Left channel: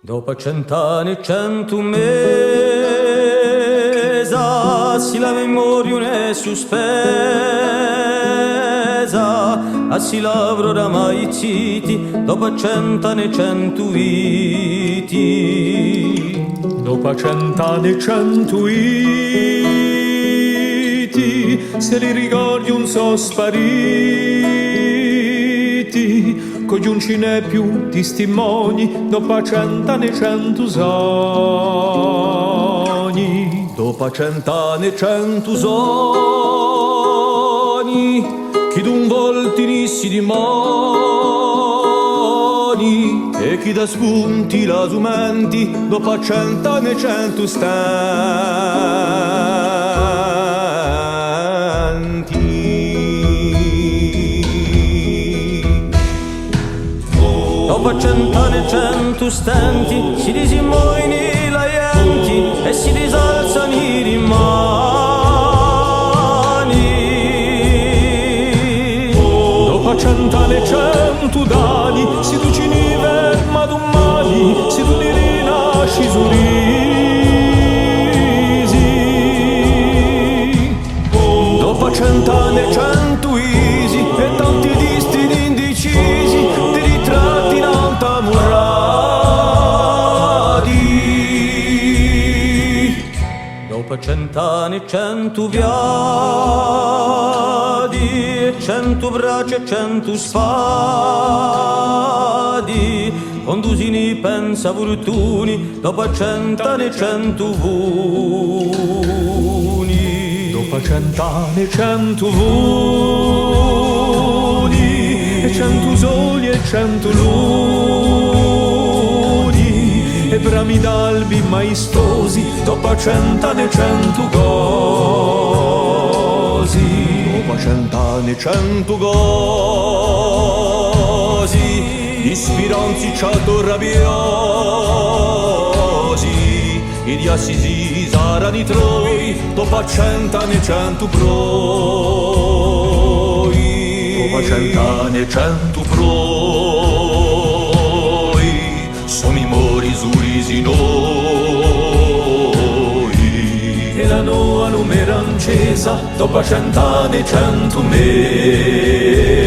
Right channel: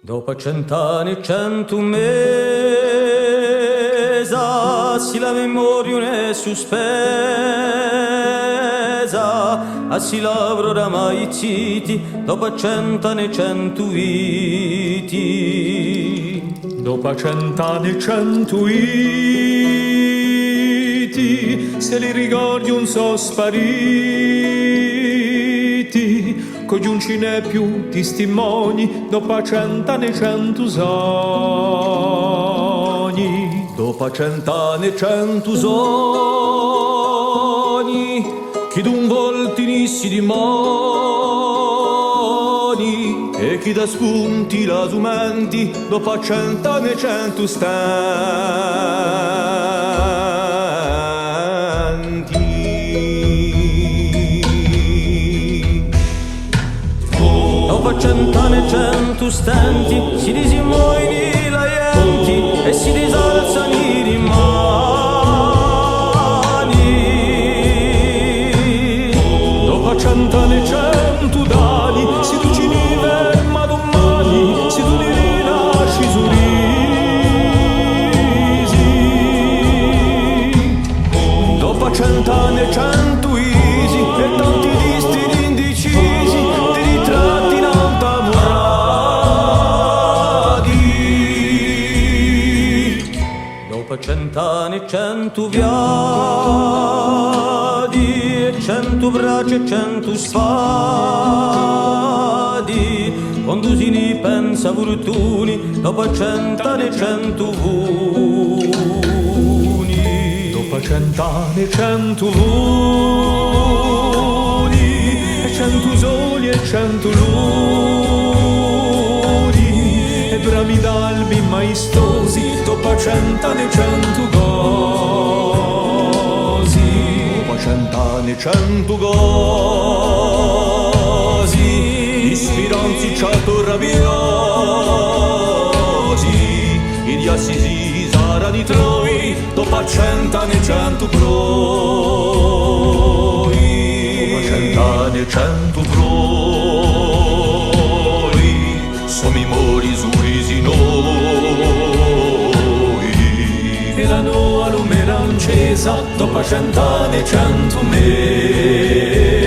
Dopo 100 anni e 100 mesi, se la memoria non è sospesa, si lavora oramai zitti, dopo 100 anni e 100 viti. Dopo 100 anni e 100 viti, se li ricordi non sono spariti, che non ce n'è più testimoni, dopo 100 anni e 100 sogni. Dopo 100 anni e 100 sogni, chi d'un volti nissi di moni, e chi da spunti la sumenti, dopo 100 anni e 100 stanti. Dopo 100 anni e 100 stenti si disimmoino i laienti e si disalzano i rimani. Dopo 100 anni e 100 dani si ducini verma domani, si tu ne rinasci sorrisi. Dopo 100 anni e 100 isi e tanti destini indecisi, ti ritratti in alta murradi. Dopo 100 anni e 100 viadi e 100 braccia e 100 spadi, condusini pensa fortuni, dopo 100 anni e 100 vuni. Dopo 100 anni e 100 vuni, e 100 soli e 100 luni, e brami d'albi maestosi, dopo 100 anni e 100 gosi. Dopo 100 anni e 100 gosi, gli spiranzi ciato rabbiosi, i di Assisi saranno i troi, dopo 100 anni e 100 proi. 100 anni e 100 proi, sono i mori surisi noi. E la noa lume era accesa, dopo 100 anni e 100 mesi.